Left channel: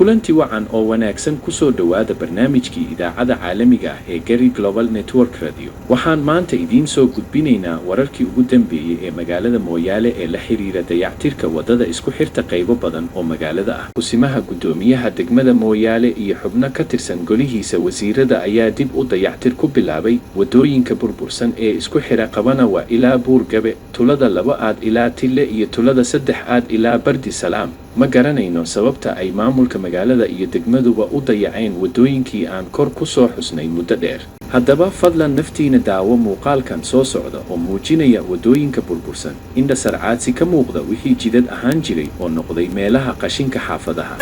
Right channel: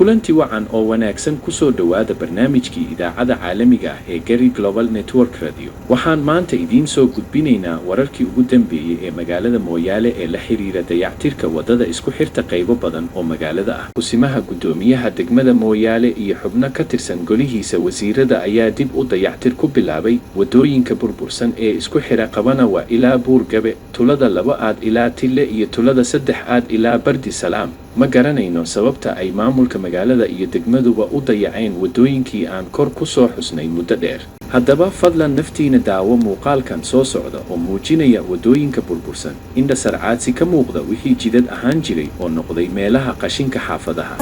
kulanti wacan oo wanaagsan ku soo dhawaada barnaamijkii idaacada caalamiga ah ee Gary Global Network Radio. Waxaan maanta idiin soo gudbinaynaa wararkii ugu dambeeyay ee magaalada Mooyaale ee la xiriira dayactirka wadada isku xirta qaybo badan oo magaalada ah. Kusimaha gudoomiyaha degmada Mooyaale iyo xubno ka tirsan golihiisa wasiirada ayaa dib u dayactir ku bilaabay wadooyinka burbursan ee isku xira Qabanawa ilaa Buurgabe, tulada 2 aad ilaa Tille iyo tulada 3 aad ilaa Bardi Salaam. ma garanayno sababta ay maamulka magaalada iyo degmaduba u dayaceen wadooyinkii aan kor ku soo xusnay muddo dheer. haddaba fadlan naftiina daawo muuqaalkan soo socda oo muujinaya wadooyinka burbursan, indha sarcaadsi ka muuqda wixii jidad ahaan jiray oo noqday meelaha qashinka xaafadaha.